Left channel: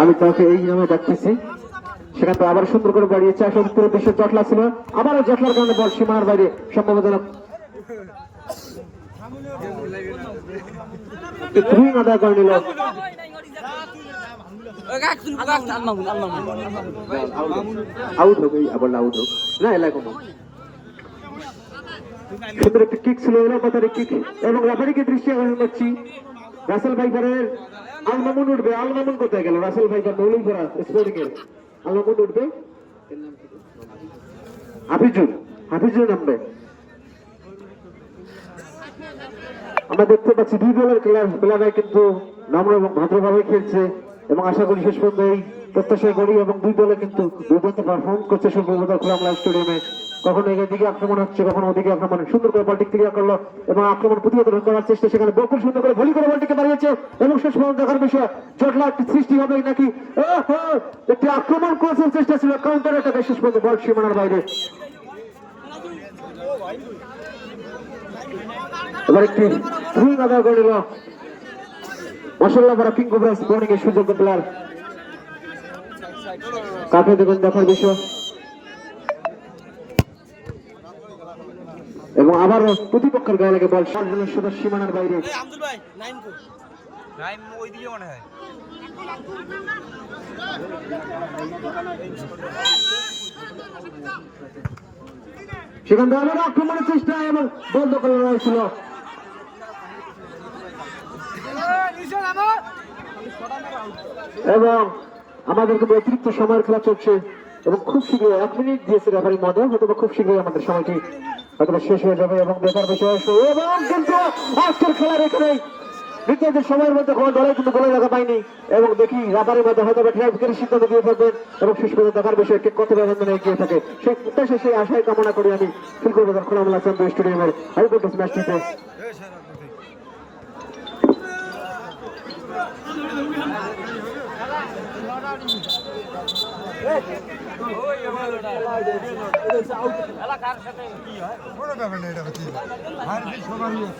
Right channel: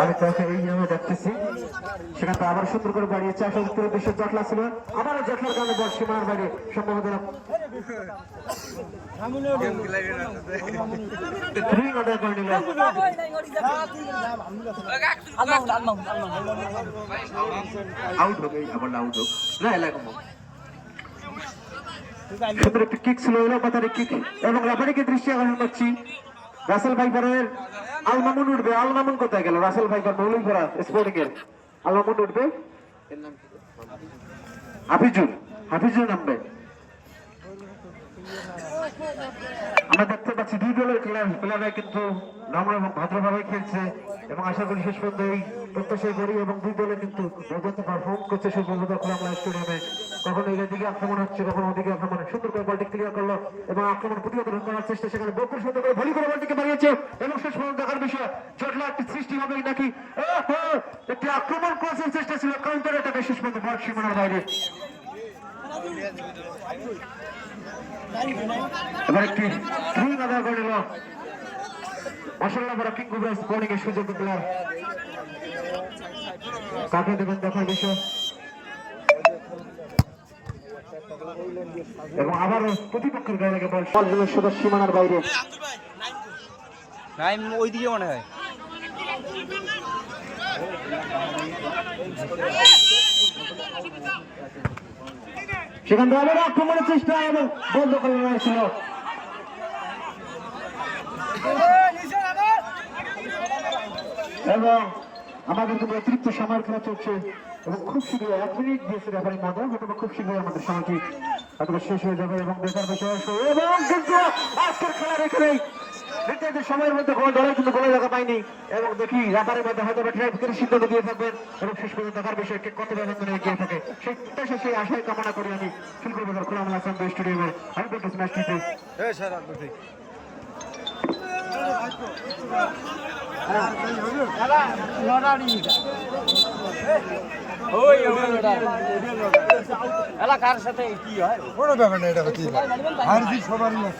আমি তাকে এই নামে ডাকতেছি সেখান থেকে আবার সুন্দর করে বাড়িয়েছে আসলে উত্তরে বিশ্বের জটলা ছিল। আবার এই জটলার কারণে বল সীমানার বাইরে সম্ভবত এলাকা সুন্দর একটি কিক ছিল এলো পাতার কিক এবং রেফারিকে দৃষ্টি আকর্ষণ করছি। রাসেল ভাইপারের আলমামুন উঠবে আলমামুন কোথায় গেল? রাসেল ভাইপার মৌলিকপাড়া স্পোর্টিং এর আলমামুন উঠবে? হাফিজুল হাফিজুল নামবে। আমরা দেখতে পাচ্ছি দুই দলের খেলা খেলারাই কিন্তু নম্র এবং ভদ্রভাবে খেলছে। এবং আশা করি শেষ পর্যন্ত এই প্রত্যাশাই করি এবং দুই দলে কিন্তু দুর্দান্ত পারফর্ম করছে সুব্রত খোলামলা স্টেডিয়ামে কখনো এদিকে আক্রমণ হচ্ছে, কখনো ওদিকে আক্রমণ। সুন্দর করে বলটি ক্লিয়ার করল এবং আক্রমণ প্রতিহত করার চেষ্টা সেখানে বকুল সুন্দর করে ভলি করে বলটিকে বাড়িয়েছে এবং শেষ পর্যন্ত দেখার বিষয়, জটলা একটি সৃষ্টি হবে নাকি? একটি আক্রমণ করার চেষ্টা ছিল কাউন্টার অ্যাটাকে শেষ পর্যন্ত বল সীমানার বাইরে। এবার একটি আদায় করে মাসাল্লাহ বড় কিং কোবরা স্পোর্টিং এর সুযোগ্য প্লেয়ার কাকে দেবেন দেখার বিষয়। এবং আবার প্রতিপক্ষের গায়ে লাগে বল। সর্বজনের সদস্য সীমানার বাইরে। মনে হয়। সেখান থেকে আক্রমণের চেষ্টা এবং বন্ধ করে রয়েছিল এবং আমাদের কিন্তু অতিরিক্ত সময়ের খেলা চলছে এবং খুব শীঘ্রই এক মিনিট দিয়েছে রেফারি মধ্যে হয়তো খুব শীঘ্রই আমাদের সময়টি হয়তো শেষ হয়ে যাবে এবং দেখার বিষয় আসবে। এবং কিন্তু আজকের খেলার এখানেই সময়ের মধ্যে কোনো কিন্তু গোলে লাগা পায়নি এবং দেখি রাবারের মধ্যে হয়তো বা ট্রাইব করে সিদ্ধান্ত দিয়ে থাকবেন এবং শেষ পর্যন্ত দেখার বিষয় কে কত ব্যবধানে এগিয়ে থাকে সেই প্রত্যাশা, সেই আশাই কামনা করি আমি ফুলকুল বাজার খোলামেলা চন্দ্র স্টেডিয়ামের ম্যাচটিতে এলাকার সাথে কি হয় কোনো ব্যাপার না এটা পারে আর সবার লোক।